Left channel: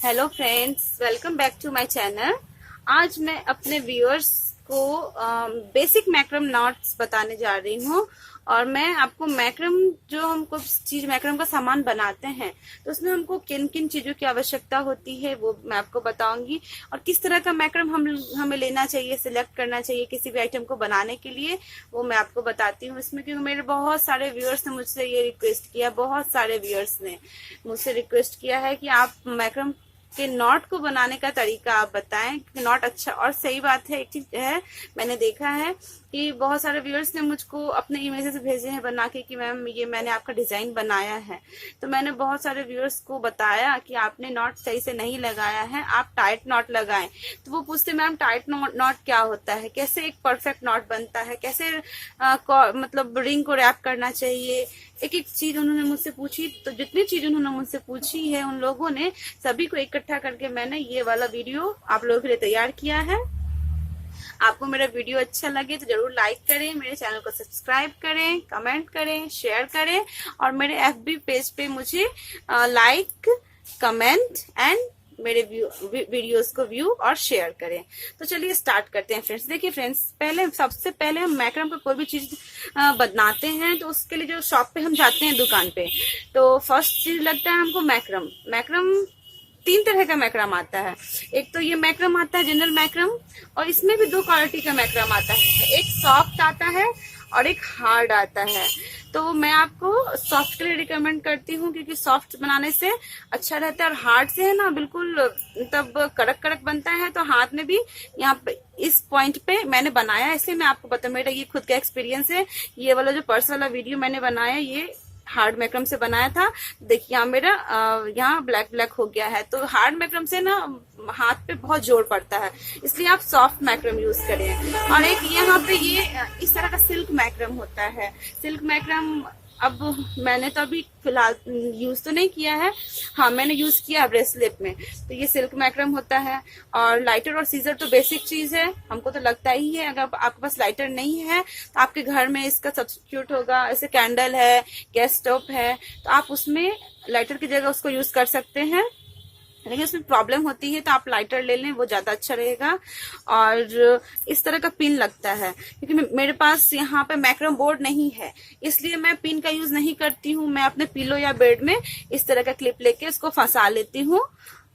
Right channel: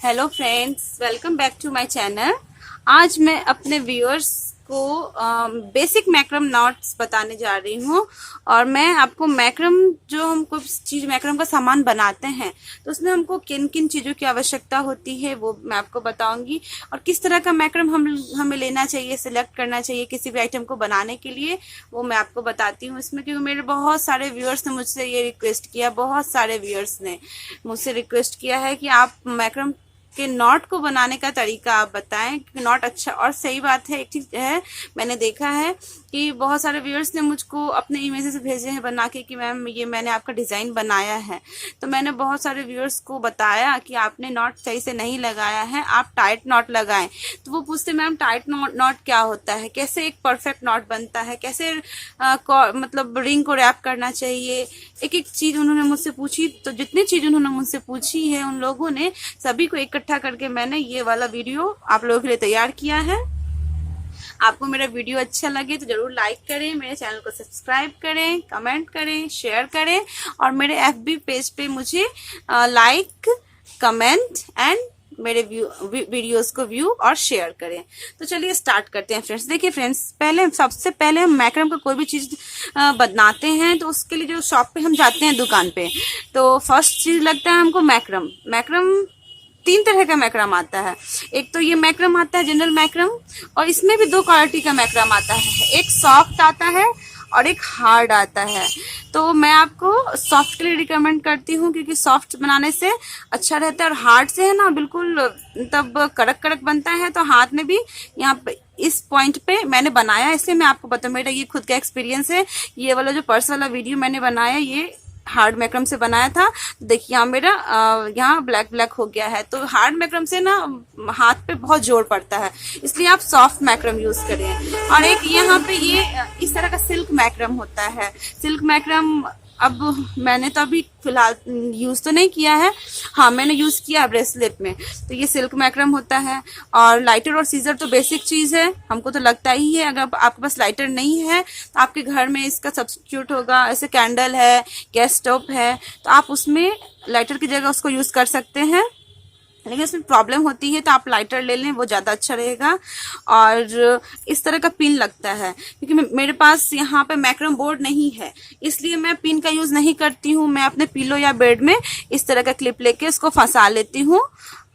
Hello friends, welcome back to my channel. आज मैं अपने व्यूअर्स को बेसिक मैक्रम नॉट्स बताने जा रही हूँ। और मैं आपको मैक्रम, जो हम कोई चीज मैक्रम का सामान बनाते हैं तो उसमें हमको किन किन चीजों की आवश्यकता होती है वो मैं आपको बताऊंगी। और किस तरह का मैक्रम हमें लेना चाहिए, सिलेक्ट करना चाहिए किसी भी आइटम को बनाने के लिए, वो मैं आपको बताती हूँ इसमें। क्योंकि मेरे बहुत सारे व्यूअर्स ने मुझसे ये रिक्वेस्ट किया, बहुत सारे व्यूअर्स ने मुझसे रिक्वेस्ट किया है कि आप मैक्रम कि नॉट को बनाने का तरीका आप बताएं कि नॉट अच्छा। और सही बात है, एक चीज है, मैंने देखा है कि बहुत सारे व्यूअर्स ने मुझको अपने इमेजेस भेजे हैं बना के कि मैम ये मैंने आपका डिजाइन बनाया है। तो मैंने बहुत सारे व्यूअर्स को बताया कि आपने नॉट सही से नहीं लगाया है, आप टाइट नॉट लगाएं। तो वो पूछते मैम टाइट नॉट क्या होता है, कैसे एक परफेक्ट नॉट बनता है, कैसे मतलब रिंग को रैप करना चाहिए। एक एक चीज उन्होंने मुझसे पूछी। तो जितनी चीज उन्होंने मुझसे पूछी है उन लोगों ने सभी को इकट्ठा करके मैंने ये वाला वीडियो आप लोगों के लिए तैयार किया है। आपको मेरा वीडियो अच्छा लगे तो जरूर लाइक करें, मेरे चैनल को सब्सक्राइब करें, कमेंट करें, शेयर करें और मेरे FB पेज पे मुझे लाइक, कमेंट एंड मेरे वीडियोस को व्यू और शेयर करें। तो चलिए स्टार्ट करते हैं फ्रेंड्स। देखिए फ्रेंड्स, सबसे पहले हम मैक्रम का कोई भी चीज बनाते हैं तो उसके लिए जो शॉप पे हम जाते हैं, दुकान पे, तो फर्स्ट चीज लगता है हमको मैक्रम। मैक्रम तीन तरह का मैक्रम आता है। एक तो ये मैक्रम आता है जनरल मैक्रम, और इसमें भी दो क्वालिटी का मैक्रम आता है, एक सॉफ्ट आता है और एक हार्ड आता है। तो मैं आपको सॉफ्ट के लिए रिकमेंड करती हूँ क्योंकि सॉफ्ट बनाने से अच्छा रहता है। और हार्ड से है ना बिल्कुल तब कड़क कड़क बनता है। तो हाथ में भी यहाँ पे इस पॉइंट पे मैंने बनाया, इसलिए मैं आपको बताऊँ, मेरा ये खुद का एक्सपीरियंस है। ये वाला जो पर्स वाला वीडियो मैंने बनाया ये हार्ड मैक्रम से बनाया था। देखिए यहाँ मेरा यहाँ ब्लैक ब्लैक हो गया है। तो हार्ड मैक्रम से ना हाथ पे बहुत जोर पड़ता है, इसलिए आप सॉफ्ट मैक्रम यूज करें। और एक यहाँ पे ये इस तरह का सिल्क मैक्रम होता है। सिल्क मैक्रम अब मैंने तो अभी फिलहाल यूज तो नहीं किया है, हाँ मैंने यूज किया है ब्रेसलेट में। तो ये सिल्क मैक्रम होता है। और लाइटर और सीजर तो बेसिक चीज है, हमको तो लगता ही है। अगर आपके पास लाइटर नहीं है तो आपके घर में इसका सब्स्टिट्यूट होगा। ऐसे कैंडल है, गैस स्टोव है, तो आप उसमें लाइटर की जगह उसको यूज कर सकते हैं। लेकिन इसमें प्रॉब्लम होती है तो आप लाइटर ले लें, वो ज्यादा अच्छा रहेगा। और इस तरह का पिन लगता है, क्योंकि मेरे पास यहाँ पे मैक्रम बोर्ड नहीं है, इसलिए मैं पिन का यूज नहीं करती हूँ। मैं अपने पिलो या बेड में इस तरह का क्लिप लेके उसको फंसा लेती हूँ,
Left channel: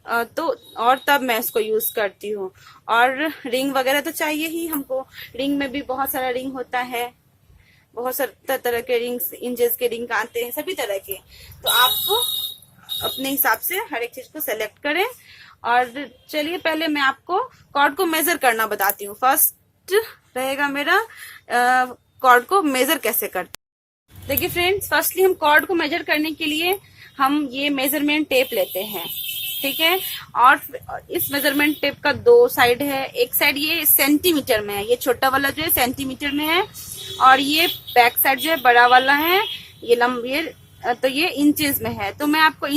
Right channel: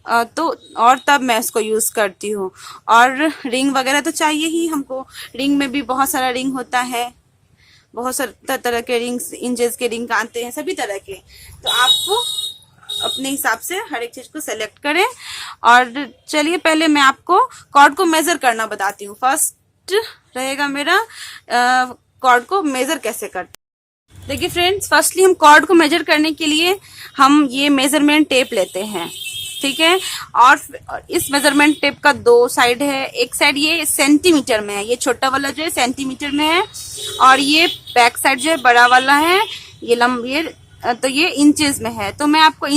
तो और तब मैं इसको यूज करती हूँ। और रिंग वगैरह तो चाहिए ही हमको। रिंग में भी बहुत सारा रिंग होता है, बहुत सारे तरह के रिंग्स, इंचेस के रिंग आते हैं, सभी तरह के। तो आपको अपने हिसाब से हर एक चीज को सेलेक्ट करें। और चलिए पहले मैं आपको कॉर्ड को मेजर करना बताती हूँ। फर्स्ट रहेगा मेरा कॉर्ड को मेजर कैसे करते हैं। देखिए फ्रेंड्स, फर्स्टली हम कॉर्ड को मेजर करने के लिए हम ये मेजरमेंट टेप लेते हैं, ठीक है। और इस मेजरमेंट टेप का दो साइड है। एक साइड ये सेंटीमीटर में है, ये छोटा वाला जो है सेंटीमीटर में है, और ये बैक साइड जो है बड़ा वाला है, ये तो ये इंचेस में है। तो मैं आपको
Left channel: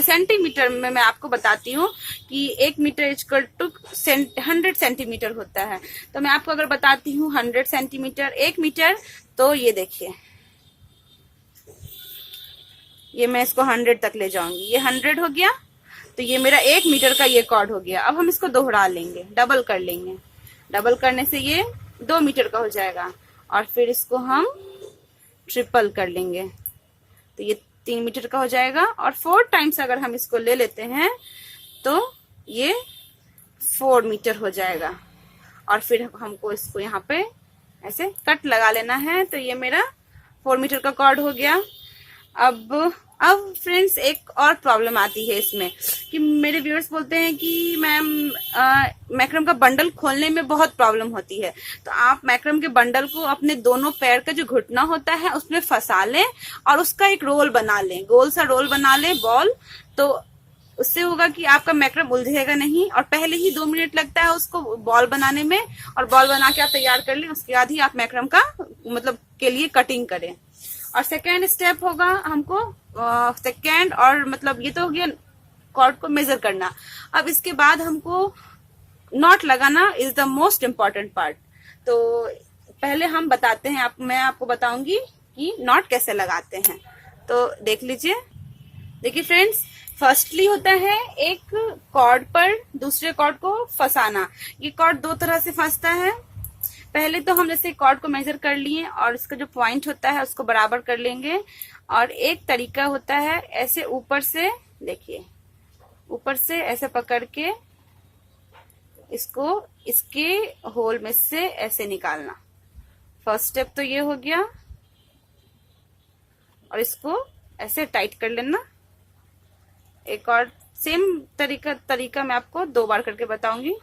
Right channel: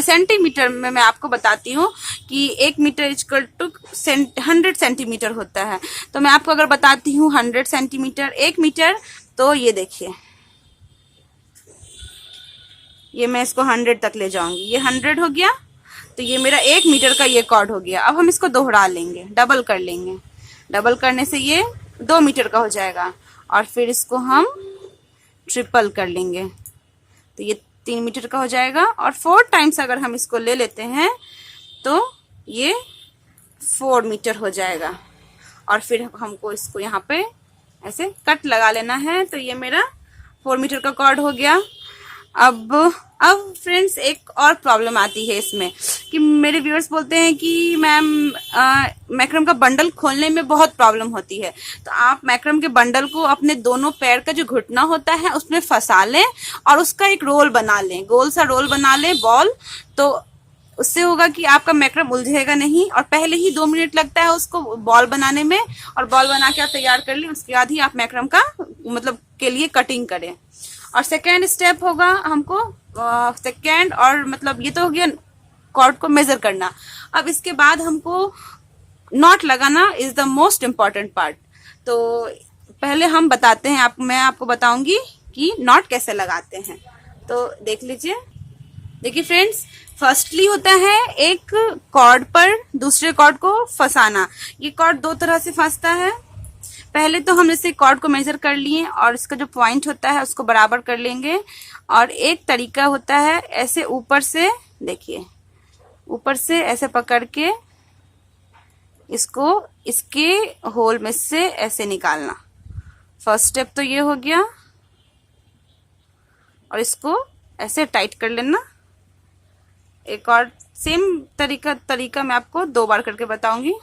सेंटीमीटर में मैं आपको बताती हूँ कि 1 मीटर इक्वल टू 100 सेंटीमीटर होता है। तो मैं आपको अगर बताती हूँ 100 सेंटीमीटर 1 मीटर, तो ये देखिए, ये मैं इसको 100 तक ले जाऊंगी, ये 100 हो गया। तो ये मेरा 1 मीटर का ये कॉर्ड हो गया। अब हम इसको दोहरा लेंगे, डबल कर लेंगे। डबल करने से ये 2 मीटर का हो जाएगा। और फिर इसको हम ट्रिपल कर लेंगे तो ये 3 मीटर का हो जाएगा। और 4 टाइम्स अगर हम इसको ले लेते हैं तो ये 4 मीटर हो जाएगा। और फिर हमको इसको यहाँ पे ऐसे कट लगा लेना है। तो ये मेरा 4 मीटर का कॉर्ड हो गया। अब फ्रेंड्स एक और प्रॉब्लम आती है इसमें कि मेरे व्यूअर्स बोलते हैं कि मैम मैक्रम का बंडल खोलने में बहुत प्रॉब्लम होती है। तो आप मैक्रम के बंडल को अपने दोनों पैर का जो घुटना होता है उसमें फंसा लें और उसका एक रोल बना लें, गोल सा रोल बना लें, बॉल। तो उससे होगा कि आपका मैक्रम उलझेगा नहीं। और पहले ही 2 मिनट लगता है उसको बॉल बनाने में, और बॉल बना के आप तैयार कर लें। उसके बाद ही आप मैक्रम का मतलब के लिए कटिंग करें। और सेकेंड स्टेप होगा हमको सेकेंड, और मतलब ये तो हो गया कॉर्ड को मेजर करना। अब इसके बाद हमको नॉट लगाना is the most important part. तो पहले हम बताते हैं, मैं आपको बताऊंगी कि नॉट कैसे लगाते हैं। तो देख लीजिए, देखिए फ्रेंड्स, फर्स्टली होता है एक कॉर्ड पर दूसरे कॉर्ड को फंसाना। ये कॉर्ड दो तरह से फंसता है। पहले तो हम इसे कॉर्ड को मेजर कर लिए और इसका जो पॉइंट होता है उसको बराबर कर लेंगे। और एक तरीका होता है ऐसे ऊपर से, देखिए ऊपर से ऐसे पकड़ के इसको इसके होल में से ऐसे निकालना। फर्स्ट स्टेप तो ये हो गया। और इसको ऐसे टाइट कर लेना। एक और सेम तरीका मैं आपको 2 बार करके बताऊंगी।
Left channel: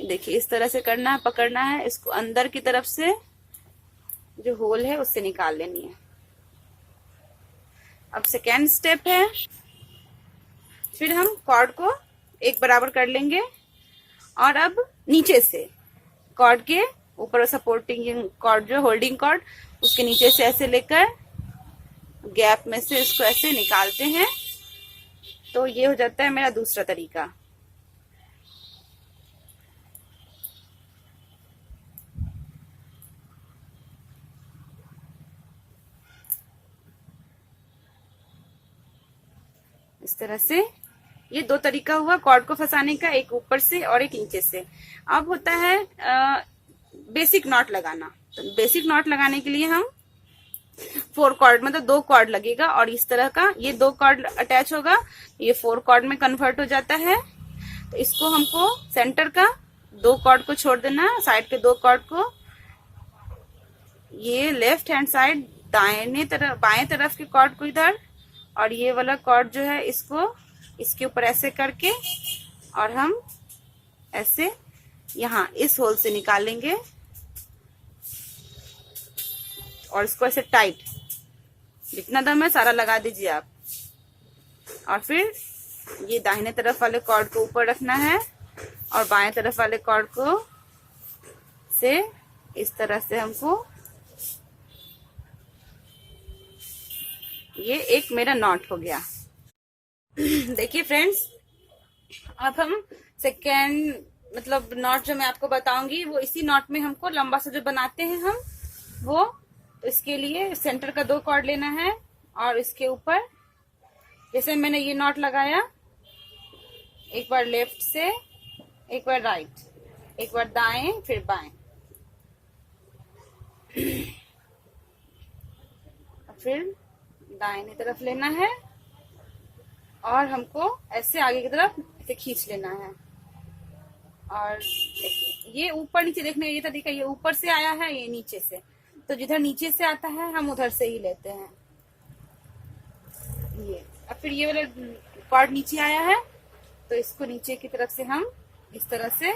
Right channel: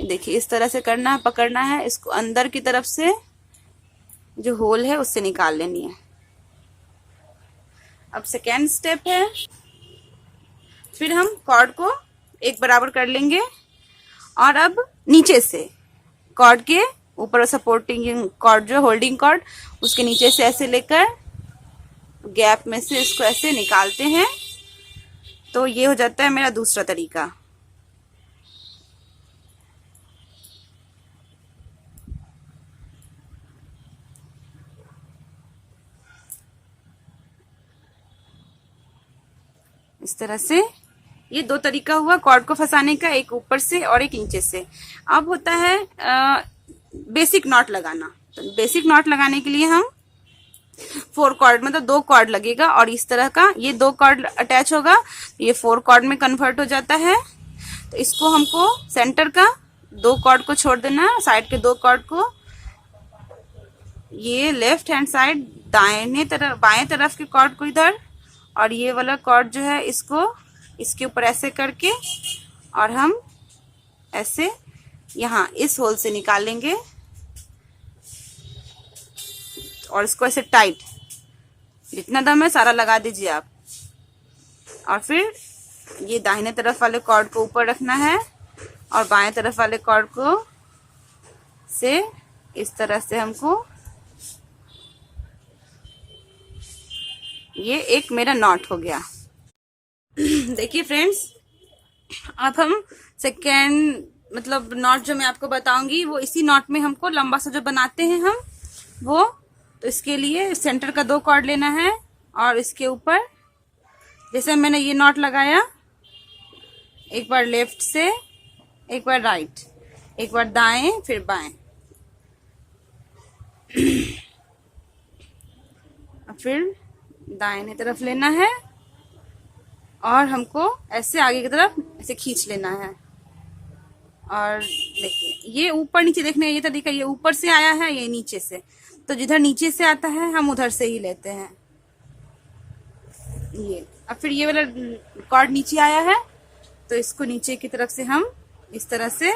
देखिए इस तरह से करना है, पकड़ना है, इसको अंदर की तरफ से जो होल है उससे निकाल लेनी है। अब सेकेंड स्टेप है, फिर हम कॉर्ड को एक बराबर कर लेंगे और अब नीचे से कॉर्ड के ऊपर सपोर्टिंग कॉर्ड जो होल्डिंग कॉर्ड उसके नीचे से ऐसे लेकर गैप में से इसको ऐसे निकालते हैं। तो ये हो जाता है मेरा दूसरा तरीका। इस तरह से ये 2 तरीका हुआ कॉर्ड को फंसाने का, एक ऊपर से और एक नीचे से। अब होता है बेसिक नॉट लगाना। तो बेसिक नॉट लगाने के लिए हम 4 कॉर्ड मतलब 2 कॉर्ड लगेगा और इस तरह का ये 2 कॉर्ड अटैच होगा, ये 4 कॉर्ड में कन्वर्ट हो जाता है। तो इसको हमको सेंटर का 2 कॉर्ड को छोड़ देना, साइड के 2 कॉर्ड को ये लेफ्ट हैंड साइड दाहिने तरफ बाएं तरफ के कॉर्ड को इधर, और ये वाला कॉर्ड जो है इसको इसके ऊपर ऐसे करके और हम ऐसे यहाँ इस होल से निकालेंगे और इसको ऐसे टाइट, जितना दम है सारा लगा दीजिए आप। और फिर ये दाहिने तरफ वाले कॉर्ड को ऊपर रखना है और बाएं तरफ वाले कॉर्ड को से इस तरह से हमको, ये एक मेरा नॉट हो गया। देखिए फ्रेंड्स, अब हम सेकेंड मतलब नॉट जो मैं आपको बताऊंगी वो इसी नॉट में हमको लंबा सा जो बनाते हैं हम वो। तो इसके लिए सेंटर का 2 कॉर्ड लेना है और इसके ऊपर जैसे मैंने ये नॉट लगाया, एक बार लेफ्ट से, एक बार राइट, एक बार दाएं, फिर बाएं, फिर दाहिने तरफ लेना है और हमको ऐसे आगे की तरफ ऐसे खींच लेना है। और देखिए ये ऊपर नीचे देखने का ये तरीका, ये ऊपर से आया है, ये नीचे से, तो जिधर नीचे से आता है हम उधर से ही लेते हैं ये। अब फिर ये वाला कॉर्ड नीचे आया है तो इसको नीचे की तरफ से हम इस तरह से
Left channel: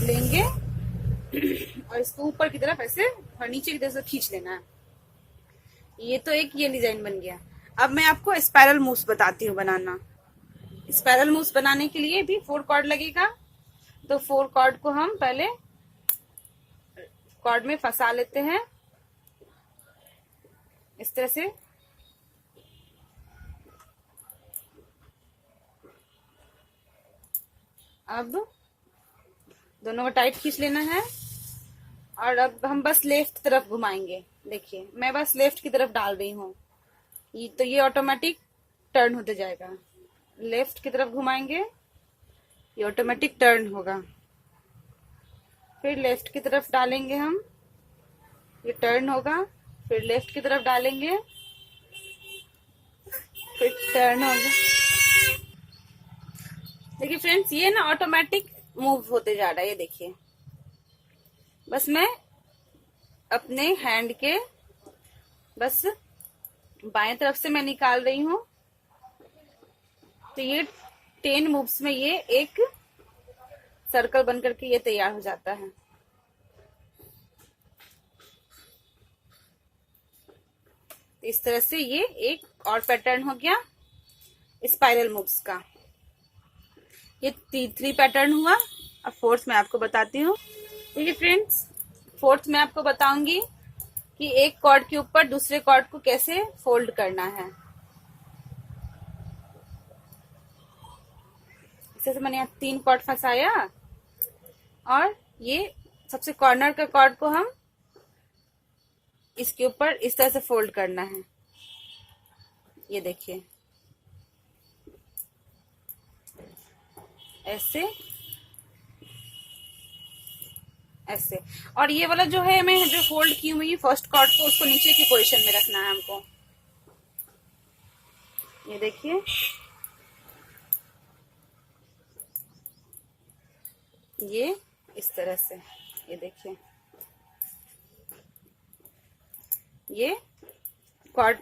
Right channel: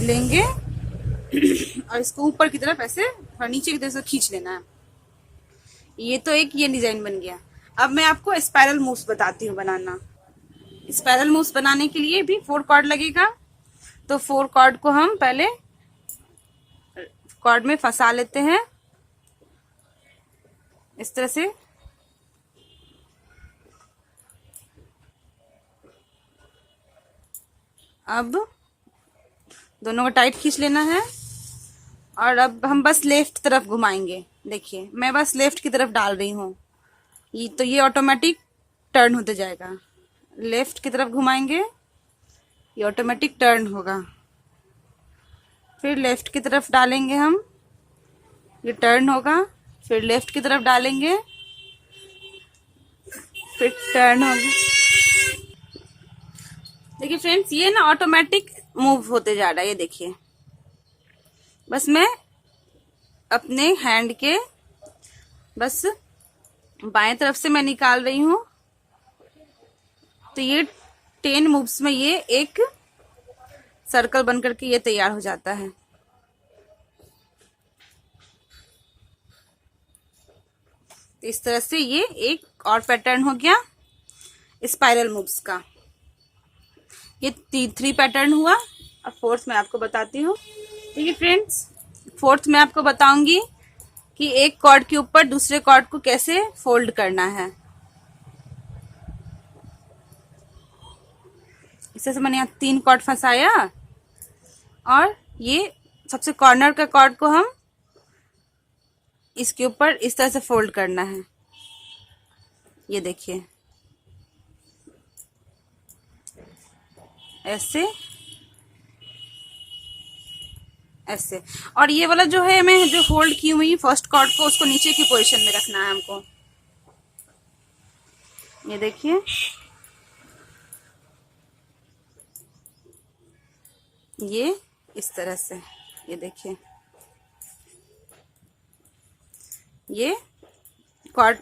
लेंगे और इसको ऊपर की तरफ ऐसे और नीचे की तरफ से खींच लेना है। ये तो एक ये डिजाइन बन गया। अब मैं आपको स्पाइरल मूव्स बताती हूँ बनाना। स्पाइरल मूव्स बनाने के लिए भी 4 कॉर्ड लगेगा। तो 4 कॉर्ड को हम पहले कॉर्ड में फंसा लेते हैं इस तरह से। अब दोनों को टाइट खींच लेना है और अब हम बस लेफ्ट तरफ घुमाएंगे। देखिए मैं बस लेफ्ट की तरफ डाल रही हूँ, ये तो ये ऑटोमेटिक टर्न होते जाएगा। लेफ्ट की तरफ घुमाएंगे, ये ऑटोमेटिक टर्न होगा। फिर लेफ्ट की तरफ डालेंगे हम, ये टर्न होगा। फिर लेफ्ट की तरफ डालेंगे, फिर टर्न होगा। देखिए फ्रेंड्स, ये ना ऑटोमेटिक मूव होते जा रहा है। ये देखिए बस मैं अपने हैंड के बस बाएं तरफ से मैं निकाल रही हूं, तो ये 10 मूव्स में ये एक सर्कल बन करके ये तैयार हो जाता है। तो इस तरह से ये एक और पैटर्न हो गया स्पाइरल मूव्स का। ये 3 पैटर्न हुआ। अब 4th मैं आपको बताती हूँ। ठीक है फ्रेंड्स, 4th मैं आपको बताऊंगी कि एक कॉर्ड के ऊपर दूसरे कॉर्ड को कैसे फोल्ड करना है। इस तरह से मैंने यहाँ 3 कॉर्ड फंसाया और ये सबसे कॉर्नर का कॉर्ड को हम इसके ऊपर इस तरह से फोल्ड करना है। ये देखिए ऐसे ऐसे। और ये वाला जो है मैं जो होल्ड की हुई फर्स्ट कॉर्ड को, उसको नीचे की पोजीशन में रखना है हमको। ये देखिए ये इस तरह से, ये देखिए ये कॉर्ड,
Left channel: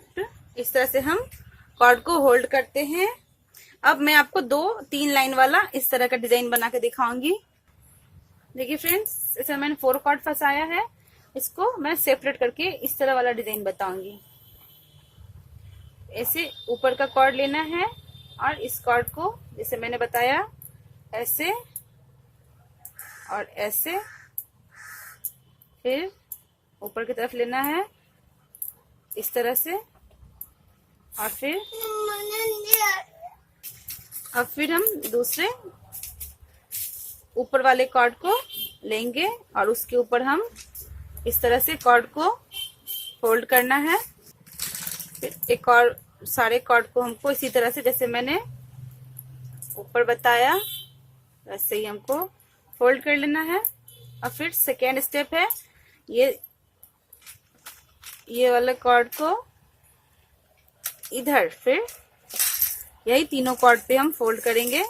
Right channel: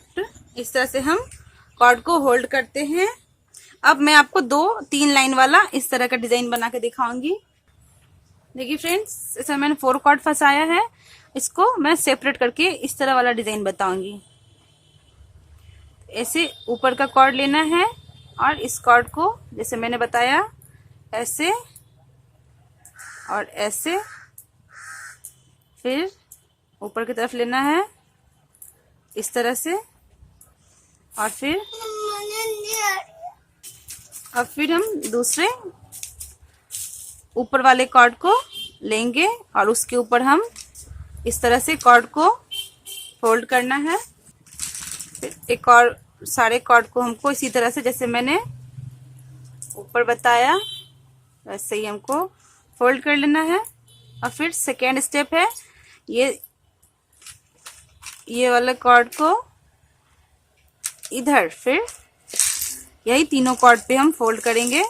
इस तरह से हम कॉर्ड को होल्ड करते हैं। अब मैं आपको 2-3 लाइन वाला इस तरह का डिजाइन बना के दिखाऊंगी। देखिए फ्रेंड्स, इसमें मैंने 4 कॉर्ड फंसाया है, इसको मैं सेपरेट करके इस तरह वाला डिजाइन बताऊंगी। ऐसे ऊपर का कॉर्ड लेना है और इस कॉर्ड को जैसे मैंने बताया ऐसे और ऐसे, फिर ऊपर की तरफ लेना है इस तरह से, और फिर हम दूसरे ऊपर वाले कॉर्ड को लेंगे और उसके ऊपर हम इस तरह से कॉर्ड को फोल्ड करना है। फिर एक और सारे कॉर्ड को हमको इसी तरह से जैसे मैंने ऊपर बताया वैसे ही हमको फोल्ड कर लेना है। और फिर सेकेंड स्टेप है ये वाले कॉर्ड को इधर, फिर यही तीनों कॉर्ड पे हम फोल्ड करेंगे।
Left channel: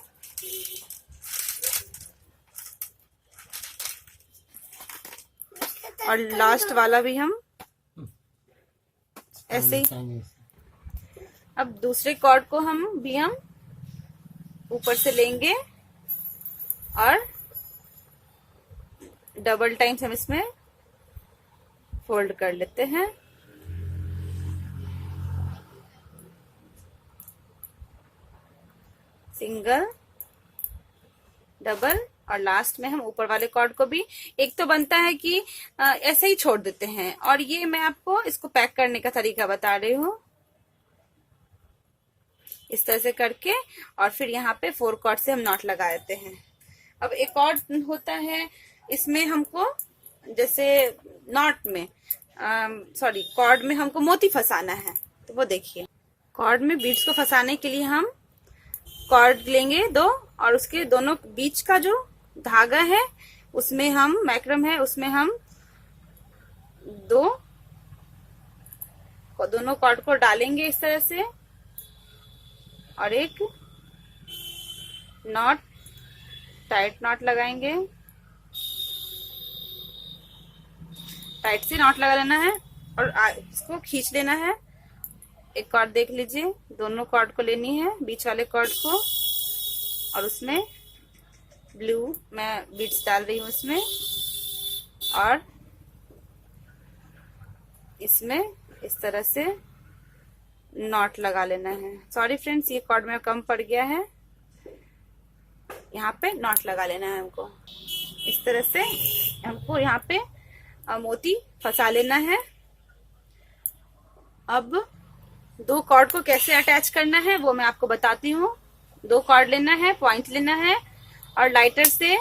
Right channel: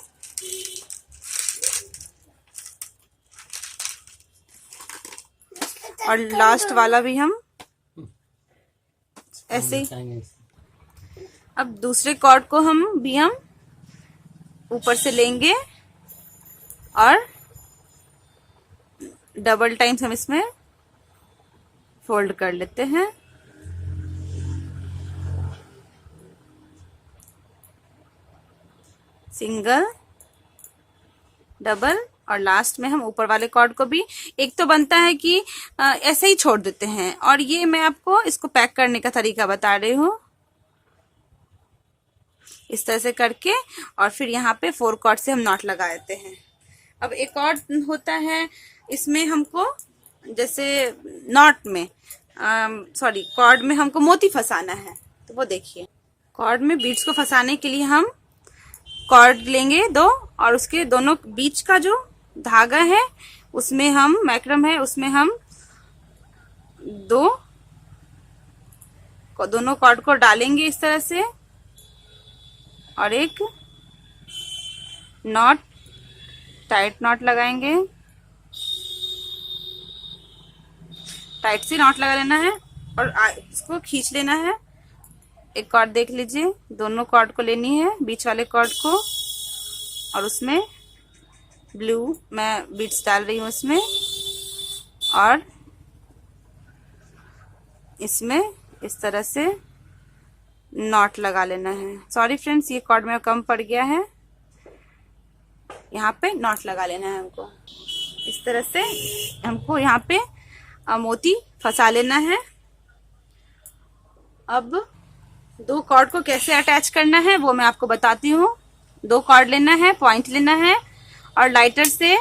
और लास्ट वाला भी हम ऐसे ही। अब दूसरे कॉर्ड को हम ऊपर से लेंगे और डबल टाइम्स हम इसमें फोल्ड कर लेते हैं। सिंगल, डबल, और लास्ट में हम ऊपर वाले कॉर्ड को भी, एक तो बनता है कि ऐसे ही छोड़ देते हैं, और ये मैं आपको इसको पैक करने का तरीका बता रही हूँ। इस तरह से करके और फिर यहाँ पे 4 कॉर्ड से हम नॉट लगा देते हैं। अब एक और होता है, इसमें हमको जैसे नॉट में कॉर्ड में हमको मोती फंसाना है, तो वो देखिए कॉर्ड में बीड्स को फंसाने के लिए हम कॉर्ड लेंगे 2 और उसके दोनों बीच का जो धागा है उसमें हम मैक्रम है उसमें हम दोनों कॉर्ड को डालेंगे इस तरह से और एक नॉट, टाइट नॉट लगाएंगे। टाइट से नॉट लगा लेना है और इसको खींच लेना है। एक कॉर्ड देख लीजिए, दोनों कॉर्ड को लेनी है, बीच वाले कॉर्ड को, और उसमें ब्लू मैं बीड्स डाल रही हूँ इसमें, और इसमें इस तरह से नॉट लगा लेना है। सॉरी फ्रेंड्स, ये कॉर्ड में कम पड़ गया है, यहाँ पे नॉट लगा लेना है हमको। इस तरह से हमको यहाँ पे मोती फंसा लेना है। अब 2 कॉर्ड को कैसे अटैच करना है वो मैं आपको बताती हूँ। 2 कॉर्ड लेना है, पॉइंट लेना है और लाइटर से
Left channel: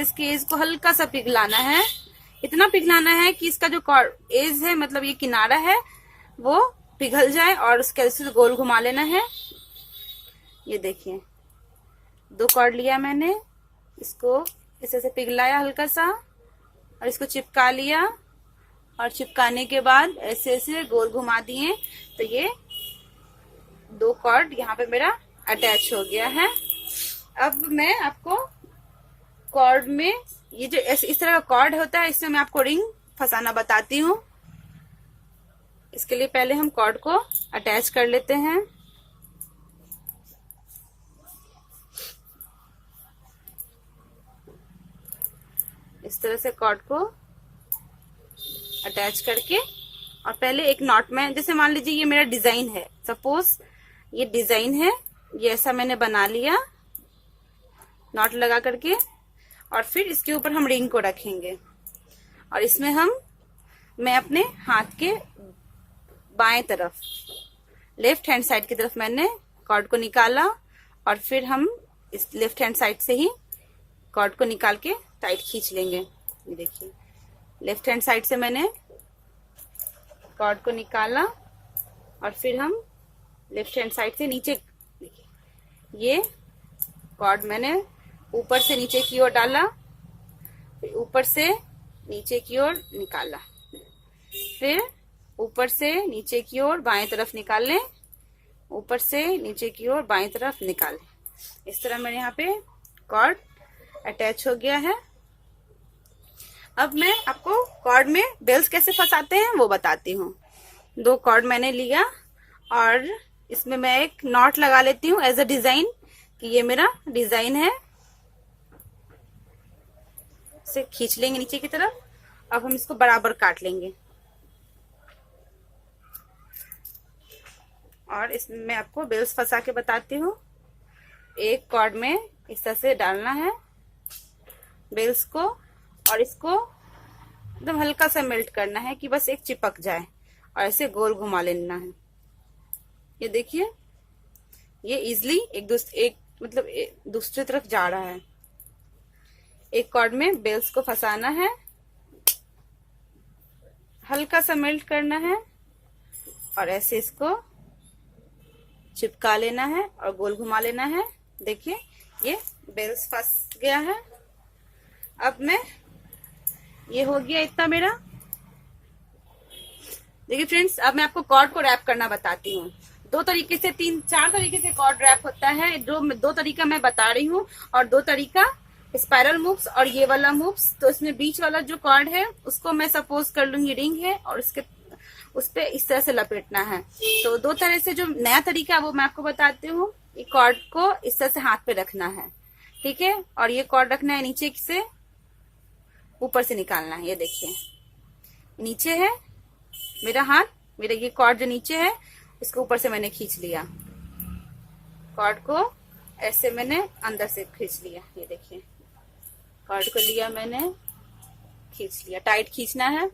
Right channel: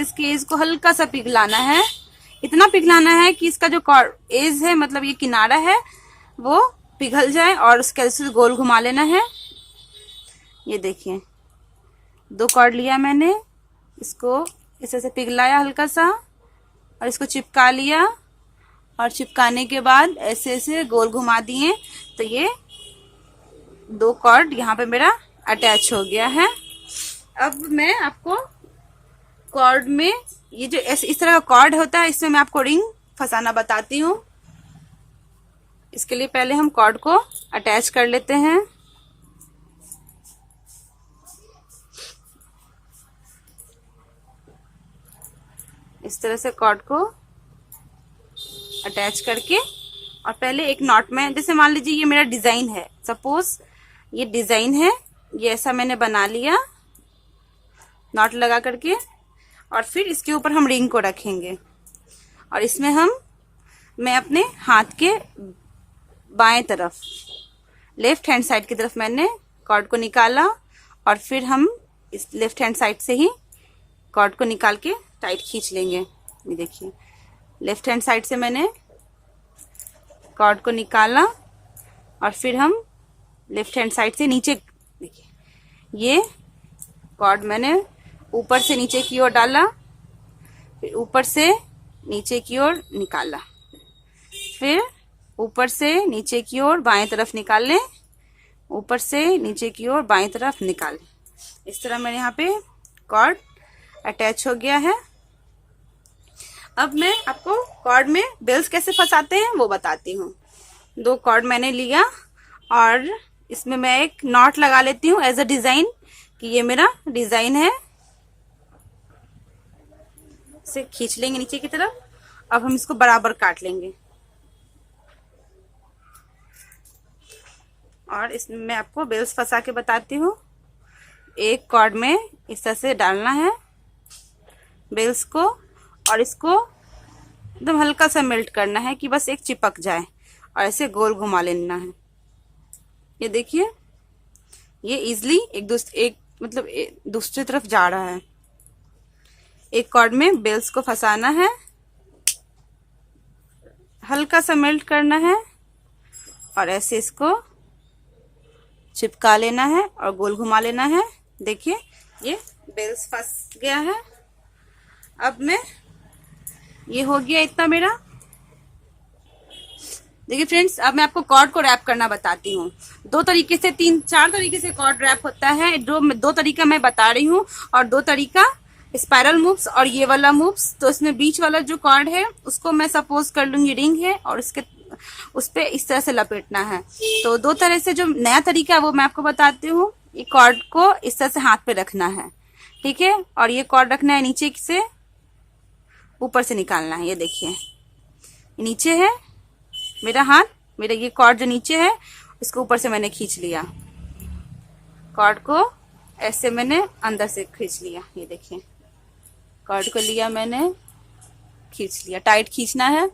इसके एज को हल्का सा पिघलाना है। इतना पिघलाना है कि इसका जो एज है, मतलब ये किनारा है, वो पिघल जाए और उसके से गोल घुमा लेना है। ये देखिए 2 कॉर्ड लिया मैंने, इसको इस तरह से पिघलाया हल्का सा और इसको चिपका लिया, और चिपकाने के बाद ऐसे ऐसे गोल घुमा दिए तो ये 2 कॉर्ड यहाँ पे मेरा अटैच हो गया है। अब मैं आपको कॉर्ड में ये जो इस तरह का कॉर्ड होता है, इसमें मैं आपको रिंग फंसाना बताती हूँ। इसके लिए पहले हम कॉर्ड को अटैच कर लेते हैं। इस तरह से कॉर्ड को अटैच करके और पहले एक नॉट में, जैसे मान लीजिए ये मेरा डिजाइन है, सपोज ये डिजाइन है, ये ऐसा मैंने बना लिया नॉट लगा करके, और फिर इसके ऊपर हम रिंग को रखेंगे और इसमें मैं अपने हाथ के बाएं तरफ, लेफ्ट हैंड साइड की तरफ मैंने कॉर्ड को निकाला और फिर हम इस लेफ्ट हैंड साइड से ही कॉर्ड को निकाल के टाइट खींच लेंगे। ये देखिए लेफ्ट हैंड साइड से मैंने कॉर्ड को निकाला और फिर हम लेफ्ट हैंड साइड से नीचे, देखिए ये कॉर्ड मैंने ऊपर से नीचे की ओर डाला, फिर ऊपर से नीचे की ओर निकाला, फिर ऊपर से नीचे की ओर बाएं तरफ निकाल लें, ऊपर से नीचे की ओर बाएं तरफ निकाल लें। इस तरह मेरे यहाँ पे कॉर्ड अटैच हो गया है। अब मैं आपको कॉर्ड में बेल्स कैसे फंसाते हैं वो बताती हूँ। 2 कॉर्ड मैंने लिया और इसमें मैं एक नॉट लगा लेती हूँ एज अ डिजाइन, कि ये मेरा डिजाइन है। इसे खींच लेंगे नीचे की तरफ। अब हम इसको बराबर काट लेंगे और इसमें मैं आपको बेल्स फंसा के बताती हूँ। एक कॉर्ड में इस तरह से डालना है बेल्स को और इसको एकदम हल्का सा मेल्ट करना है कि बस एक चिपक जाए और ऐसे गोल घुमा लेना है। ये देखिए ये इजिली एक दूसरी तरफ जा रहा है। एक कॉर्ड में बेल्स को फंसाना है, हल्का सा मेल्ट करना है और ऐसे इसको चिपका लेना है और गोल घुमा लेना है। देखिए ये बेल्स फंस गया है। अब मैं ये हो गया इतना मेरा। देखिए फ्रेंड्स, अब मैं आपको कॉर्ड को रैप करना बताती हूँ। 2 तरीके से 3-4 तरीके से कॉर्ड रैप होता है। 2 तरीका मैं बता रही हूँ और 2 तरीका स्पाइरल मूव्स और ये वाला मूव्स। तो इसमें बीच वाला जो कॉर्ड है उसको मैं सपोज कर लूंगी रिंग है और उस पे इस तरह से लपेटना है। तो 2 तरह से जो नया तरीका है वो मैं आपको बताती हूँ। ये कॉर्ड को इस तरह से हाथ पे रखना है, ठीक है, और ये कॉर्ड रखना है नीचे से ऊपर से निकालना है। ये देखिए नीचे है मेरा हाथ, मेरा ये कॉर्ड जो नीचे है इसको ऊपर से मैंने खींच लिया, कॉर्ड को ऐसे मैंने अंदर से खींच लिया। ये देखिए कॉर्ड को लिया मैंने, खींच लिया, टाइट खींचना है।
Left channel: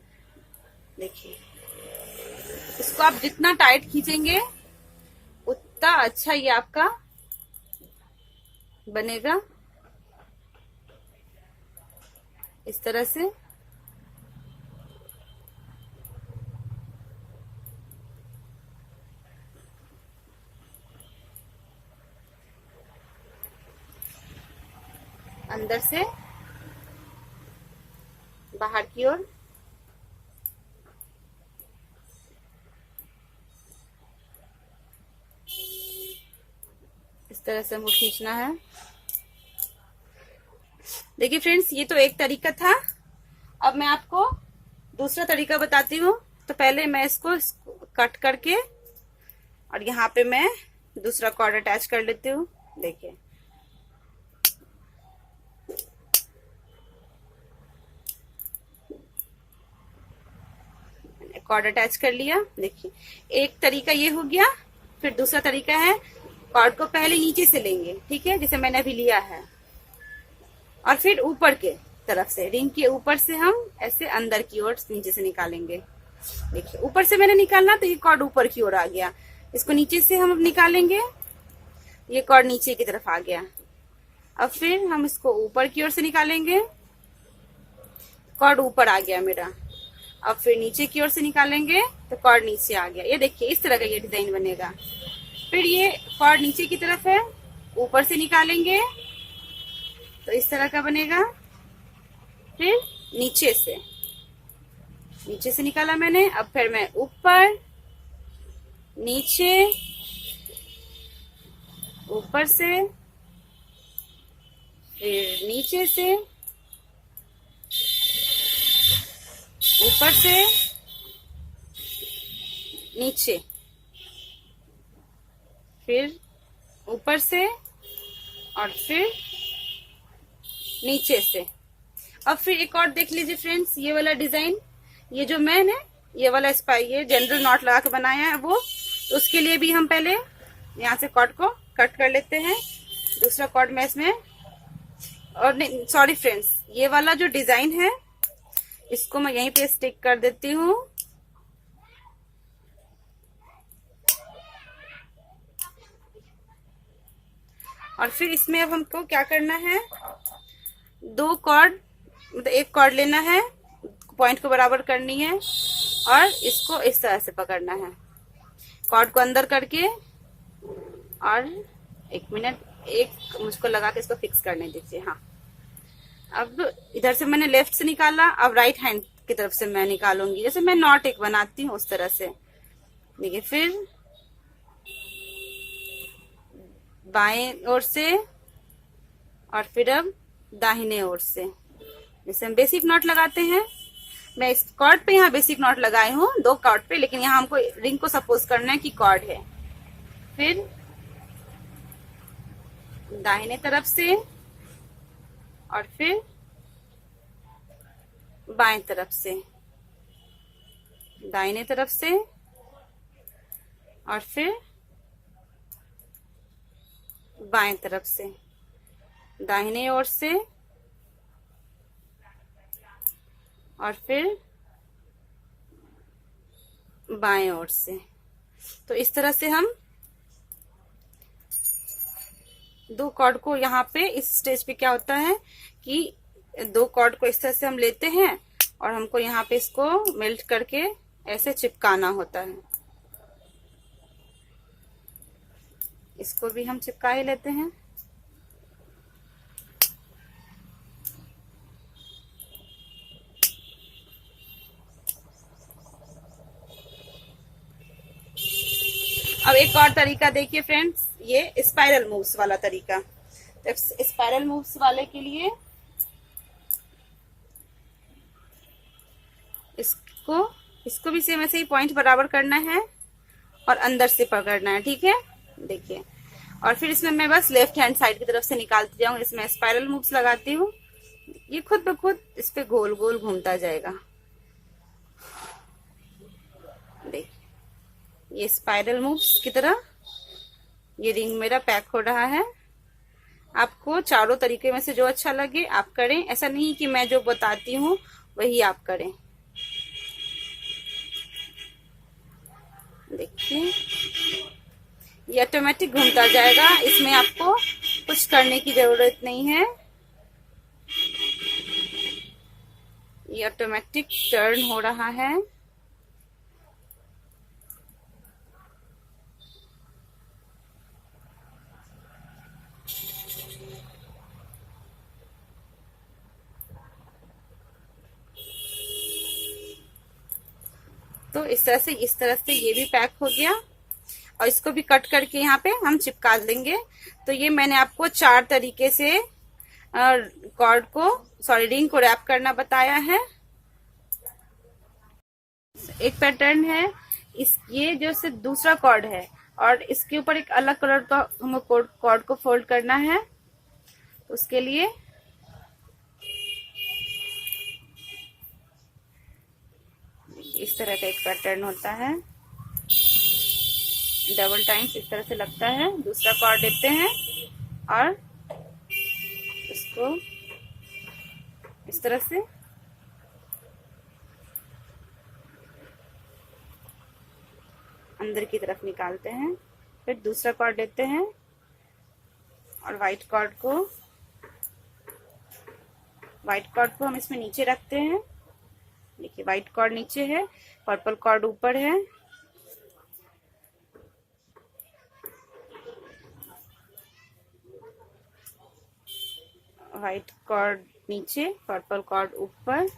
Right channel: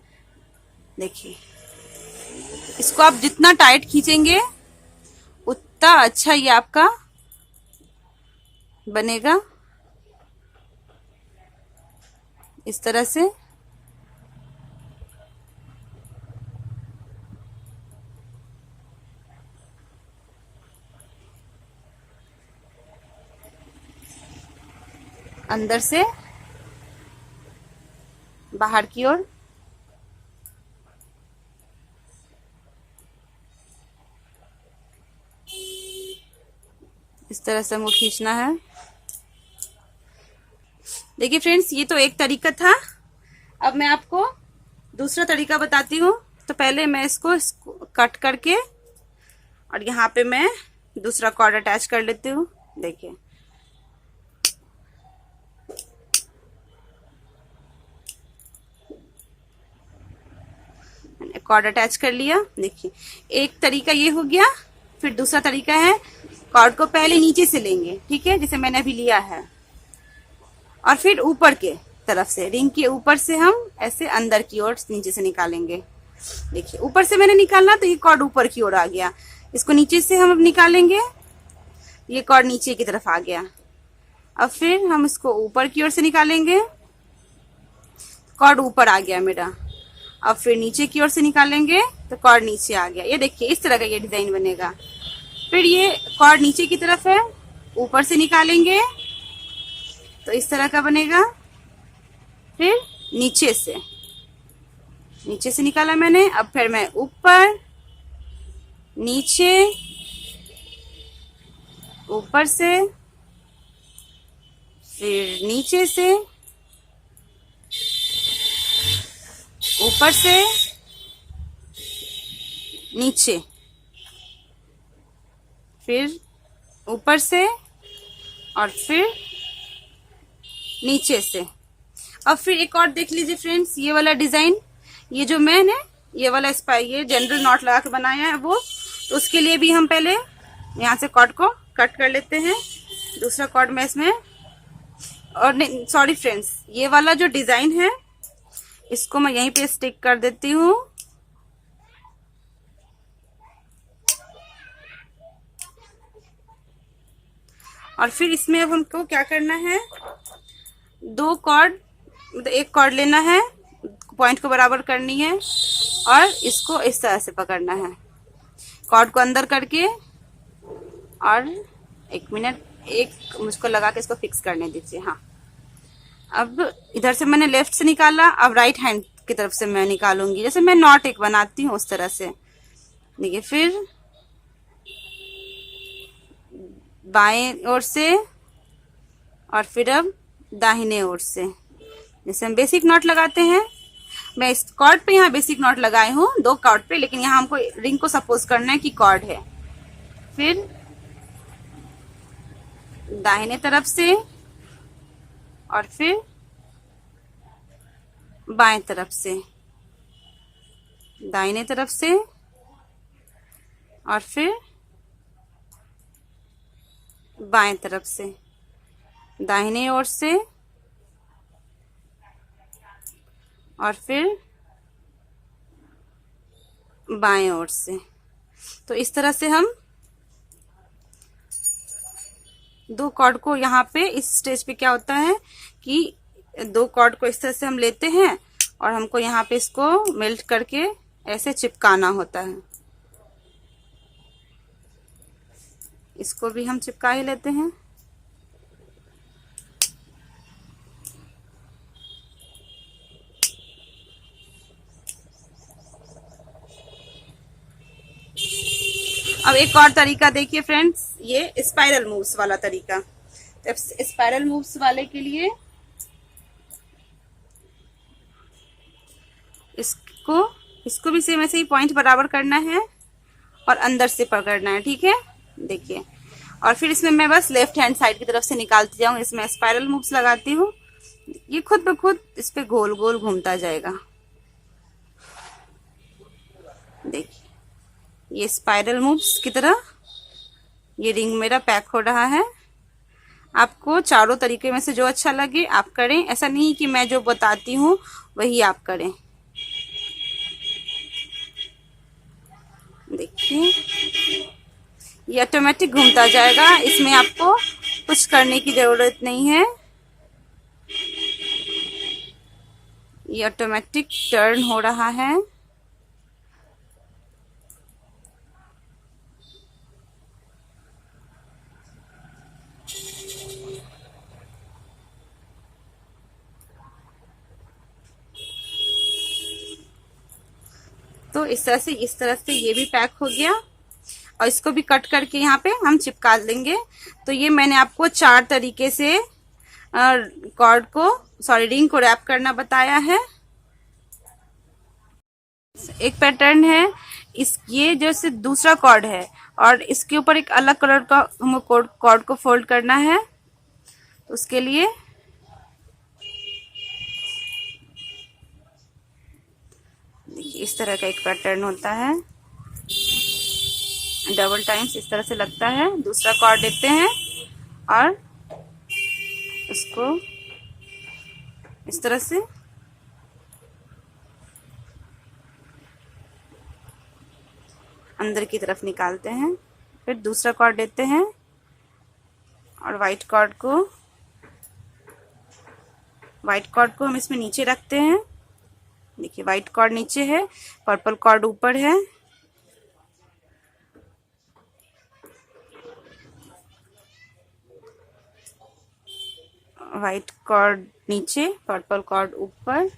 देखिए इसको आप जितना टाइट खींचेंगे उतना अच्छा ये आपका बनेगा। इस तरह से अंदर से बाहर की ओर इस तरह से हमको खींचना है। देखिए फ्रेंड्स, ये तो एक तरीका था। अब मैं आपको दूसरा तरीका बताती हूँ। तो पहले मैं इसको कट करके और यहाँ पे मैं दूसरा कॉर्ड अटैच कर लेती हूँ। देखिए कॉर्ड अटैच कर लिया। देखिए एक तरीका ये हो गया। फिर दूसरा तरीका है, कॉर्ड को पहले नीचे से लेंगे, ठीक है, जैसे मैंने अभी लिया है, और फिर ऊपर के तरफ से रिंग के ऊपर से हम ऐसे अंदर की ओर नीचे से निकालेंगे। देखिए ऊपर से मैंने निकालना तो ये कॉर्ड ऊपर की ओर आ गया। इसको नीचे से हम अब निकालेंगे, ये कॉर्ड नीचे की तरफ आ गया। अब फिर हम इसको ऊपर की ओर से निकालेंगे, कॉर्ड ऊपर आ गया मेरा। अब फिर नीचे की ओर से निकालेंगे तो कॉर्ड नीचे आ गया। ये देखिए इस तरह का ये डिजाइन बनेगा। फिर ये कॉर्ड नीचे की तरफ है, ऊपर से निकालेंगे तो इस तरह का बनेगा। फिर नीचे से निकाला मैंने। अब फिर मैं ऊपर नीचे, ऊपर से, फिर नीचे से, ऊपर से, नीचे, फिर ऊपर से और फिर नीचे से। अब फिर एक और देख लीजिए फ्रेंड्स, ये वाला डिजाइन, ये जो मैंने ये वाला ये जनरल नॉट लगा के बनाया है वो, तो उसके लिए भी हम पहले यहाँ से कॉर्ड को कट कर लेते हैं। दूसरा कॉर्ड में इसमें, और नहीं सॉरी फ्रेंड्स, ये वाला जो डिजाइन है इसको मैं यहीं पे स्टिक कर देती हूँ। और फिर इसमें अब हमको क्या करना है, 2 कॉर्ड, मतलब एक कॉर्ड लेना है, पॉइंट को बराबर करनी है और इसको इस तरह से पकड़ना है, कॉर्ड को अंदर करके। और 1 मिनट, मुझको लगा के इसको फिक्स करने दीजिए। हाँ, अब इधर से मैंने लेफ्ट से निकाला, अब राइट हैंड की तरफ से मैं निकालूंगी, जैसे मैं नॉट एक बनाती हूँ उस तरह से। देखिए, फिर बाएं ओर से और फिर अब दाहिने ओर से, जैसे हम बेसिक नॉट लगाते हैं। मैं इस कॉर्ड पे यहाँ बेसिक नॉट लगाई हूँ 2 कॉर्ड पे, लेकिन यहाँ हमको रिंग को सपोज करना है कि कॉर्ड है। फिर दाहिने तरफ से और फिर बाएं तरफ से, दाहिने तरफ से और फिर बाएं तरफ से, दाहिने ओर से और फिर बाएं ओर से। तो इस तरह से हम 2 कॉर्ड को यहाँ पे, इस स्टेज पे क्या होता है कि 2 कॉर्ड को इस तरह से हम लेते हैं और हमको यहाँ पे इसको मेल्ट करके ऐसे चिपकाना होता है। इसको भी हम चिपका ही लेते हैं। अब एक और तरीका देखिए फ्रेंड्स, ये स्पाइरल मूव्स वाला तरीका। तो स्पाइरल मूव्स वाले के लिए इसको भी सेम ऐसे ही पॉइंट बराबर करना है और अंदर से पकड़ना है, ठीक है। देखिए, और फिर इसमें मैं बस लेफ्ट हैंड साइड की तरफ से निकालती जाऊंगी। इसमें स्पाइरल मूव्स लगाती हूँ, ये खुद ब खुद इस पे गोल गोल घूमता जाएगा। देखिए, ये स्पाइरल मूव्स की तरह ये रिंग मेरा पैक हो रहा है। आपको चारों तरीके में से जो अच्छा लगे आप करें, ऐसा नहीं कि मैं जो बताती हूँ वही आप करें। देखिए, ये ऑटोमेटिक घूमता जाएगा, इसमें आपको कुछ करने की जरूरत नहीं है। ये ऑटोमेटिक टर्न हो रहा है। तो इस तरह से ये भी पैक हो गया और इसको भी कट करके यहाँ पे हम चिपका देंगे। तो ये मैंने आपको 4 तरीके से रिंग को रैप करना बताया है। एक पैटर्न है, ये जैसे दूसरा कॉर्ड है और इसके ऊपर एक अलग कलर का हमको कॉर्ड को फोल्ड करना है। तो उसके लिए इस तरह का एक पैटर्न होता है, डबल टाइम्स इस तरह से लगता है। दूसरा कॉर्ड देते हैं और उसको इस तरह से अंदर की तरफ निकालते हैं। फिर दूसरा कॉर्ड देते हैं और व्हाइट कॉर्ड को हम इसमें नीचे रखते हैं। देखिए, व्हाइट कॉर्ड नीचे है, पर्पल कॉर्ड ऊपर है। व्हाइट कॉर्ड नीचे, पर्पल कॉर्ड ऊपर,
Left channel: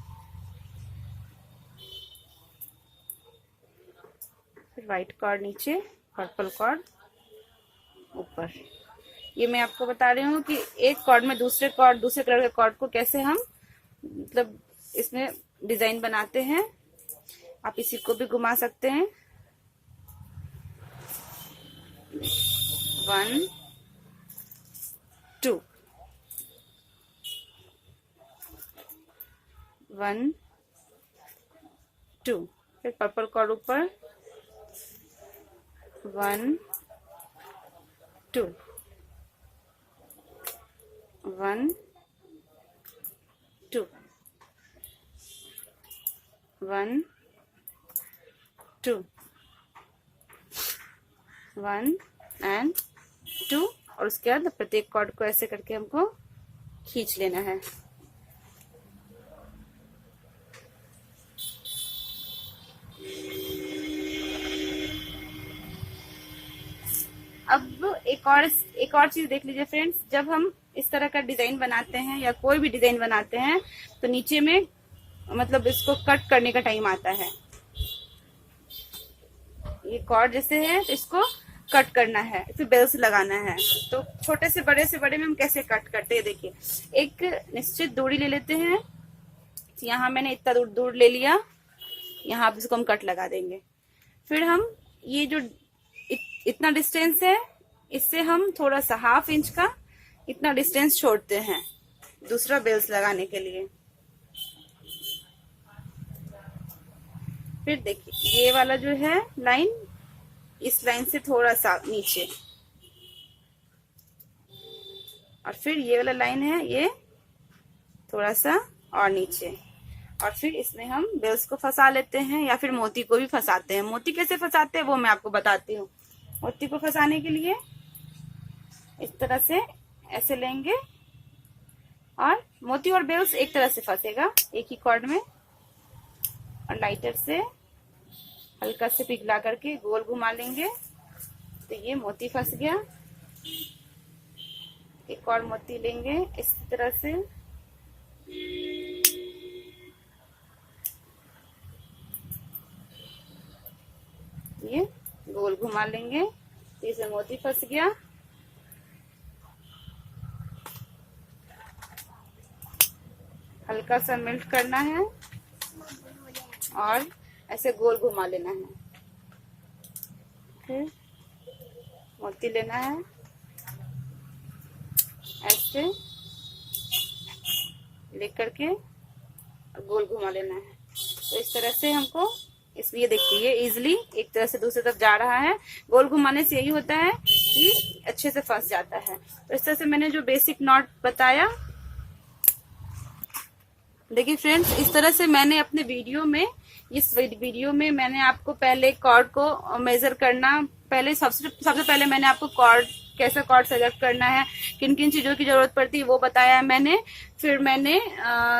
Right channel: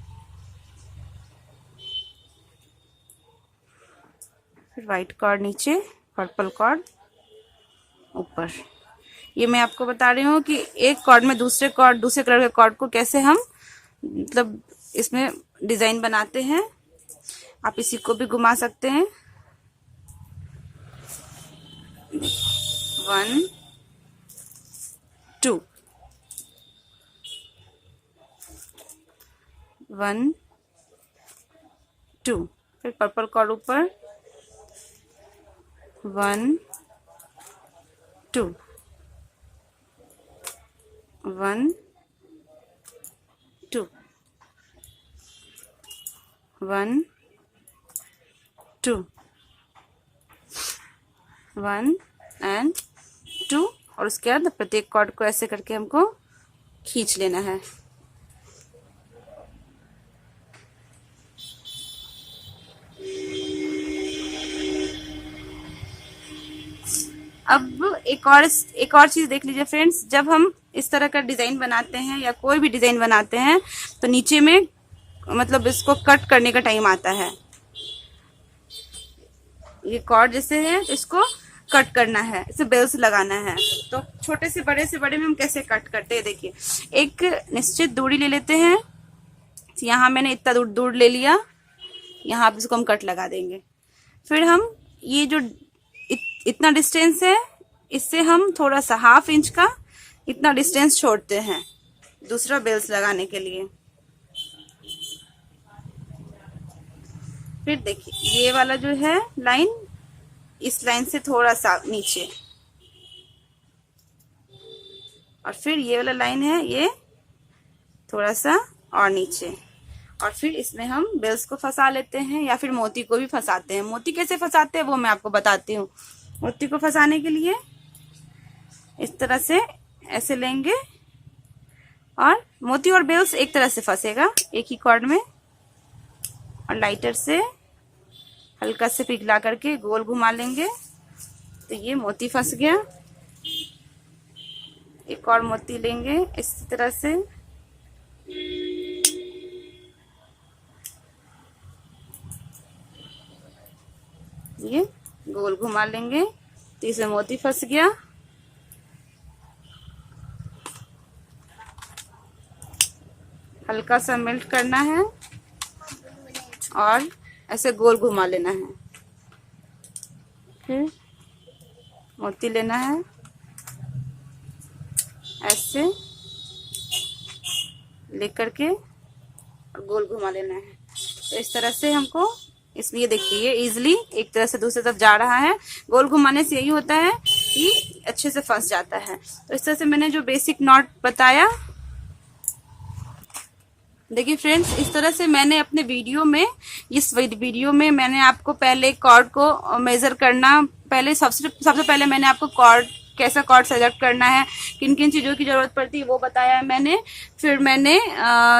फिर व्हाइट कॉर्ड नीचे, पर्पल कॉर्ड ऊपर। ये मैं आपको बता रही हूँ कि एक कॉर्ड में दूसरे कलर के कॉर्ड को कैसे हम मतलब इसमें डिजाइन बनाते हैं। आप इसी को भी घुमा सकते हैं। 1 2 1 2, फिर पर्पल कॉर्ड ऊपर 1 2 1 2 1 2 1 एंड 2। और उसके बाद प्रत्येक कॉर्ड को ऐसे करके हमको खींच लेना है। अब एक और चीज देख लीजिए फ्रेंड्स, जब हम इस तरह का डिजाइन बनाते हैं या कोई भी डिजाइन बनाते हैं तो नीचे में मतलब इसको कट करने का टाइम आता है। ये कॉर्ड जैसे है तो इसको कट करना है, इसे बेल्स लगाना है। तो छोटे से बड़े में हम कैसे कट करते हैं, देखिए एक निश्चित दूरी ले लेते हैं। यहाँ मैंने इतना दूर ले लिया, यहाँ पे इसको हम कट लगा देंगे। फिर हम ये जो इतना डिस्टेंस है, इससे हम थोड़ा सा 1/2 इंच का इतना डिस्टेंस छोड़ते हैं दूसरा बेल्स लगाने के लिए। फिर देखिए ये वाला जो है लाइन, इस लाइन से थोड़ा सा नीचे, और फिर ये वाला लाइन है ये थोड़ा सा और नीचे, और फिर इसमें हम बेल्स को फंसा लेते हैं या फिर मोती को भी फंसाते हैं। मोती कैसे फंसाते हैं वो मैं आपको बताती हूँ। मोती को फंसाने के लिए इस तरह से ऐसे लेंगे, और मोती और बेल्स एक तरह से फंसेगा एक ही कॉर्ड में, और लाइटर से हल्का से पिघला करके गोल घुमा लेंगे तो ये मोती फंस गया। एक और मोती लेंगे इसी तरह से, ये गोल घुमा लेंगे तो इसमें मोती फंस गया। हल्का सा मेल्ट करना है और ऐसे गोल घुमा लेना है। फिर मोती लेना है, ऐसे लेकर के और गोल घुमा लेना है। तो इस तरह से हमको इसमें ये देखिए इजीली एक तरह से दूसरी तरफ जा रहा है। गोल घुमाने से यही होता है कि अच्छे से फंस जाता है। तो इस तरह से मैंने जो बेसिक नॉट बताया, देखिए फ्रेंड्स, इस तरह से मैंने अपने इस वीडियो में मैंने आपको पहले कॉर्ड को मेजर करना, पहले सबसे पहले मैंने आपको कैसा कॉर्ड सेलेक्ट करना है, किन किन चीजों की जरूरत पड़ती है वो बताया है मैंने। फिर मैंने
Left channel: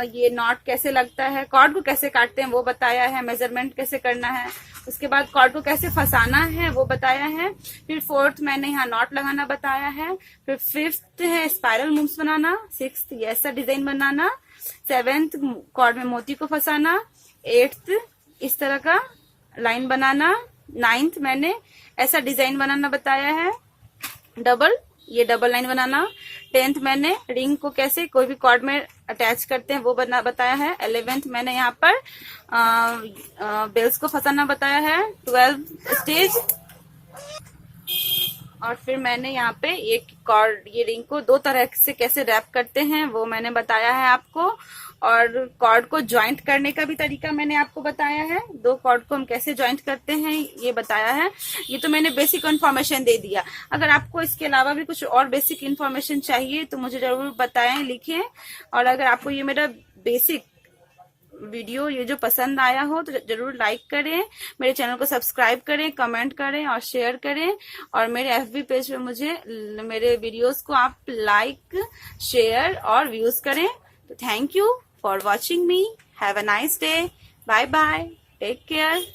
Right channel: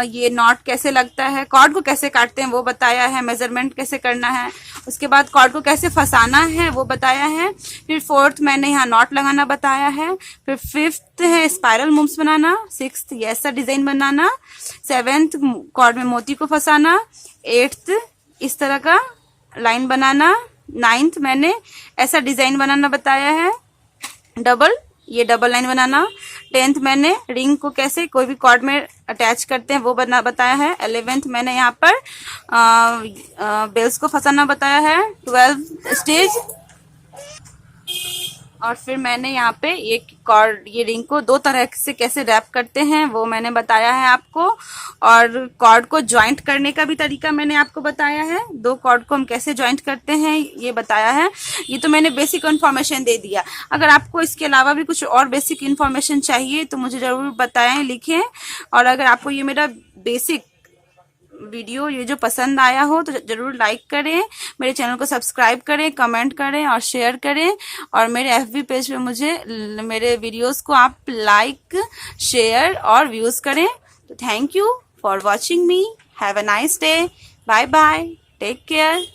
ये नॉट कैसे लगता है, कॉर्ड को कैसे काटते हैं वो बताया है, मेजरमेंट कैसे करना है, उसके बाद कॉर्ड को कैसे फंसाना है वो बताया है। फिर 4th मैंने यहाँ नॉट लगाना बताया है। फिर 5th है स्पाइरल मूव्स बनाना, 6th ये ऐसा डिजाइन बनाना, 7th कॉर्ड में मोती को फंसाना, 8th इस तरह का लाइन बनाना, 9th मैंने ऐसा डिजाइन बनाना बताया है, ये डबल लाइन बनाना। 10th मैंने रिंग को कैसे कोई भी कॉर्ड में अटैच करते हैं वो बताया है। 11th मैंने यहाँ पर बेल्स को फंसाना बताया है, 12th स्टेज। और फिर मैंने यहाँ पे ये रिंग को 2 तरह से कैसे रैप करते हैं वो मैंने बताया है आपको, और कॉर्ड को ज्वाइंट करने का भी तरीका मैंने आपको बताया है। 2 कॉर्ड को हम कैसे ज्वाइंट करते हैं ये बताया है। ये तो मैंने बेसिक इन्फॉर्मेशन दे दिया। अगर आपको इसके अलावा भी कुछ और बेसिक इन्फॉर्मेशन चाहिए तो मुझे जरूर बताएं, लिखें। और अगर आपको ये मेरा बेसिक वीडियो ये जो पसंद आया हो तो जरूर लाइक करें, मेरे चैनल को सब्सक्राइब करें, कमेंट करें और शेयर करें। और मेरे FB पेज पे मेरे वीडियोस को आप लाइक, शेयर और व्यूज करें। तो thank you for watching me, have a nice day, bye bye, take care.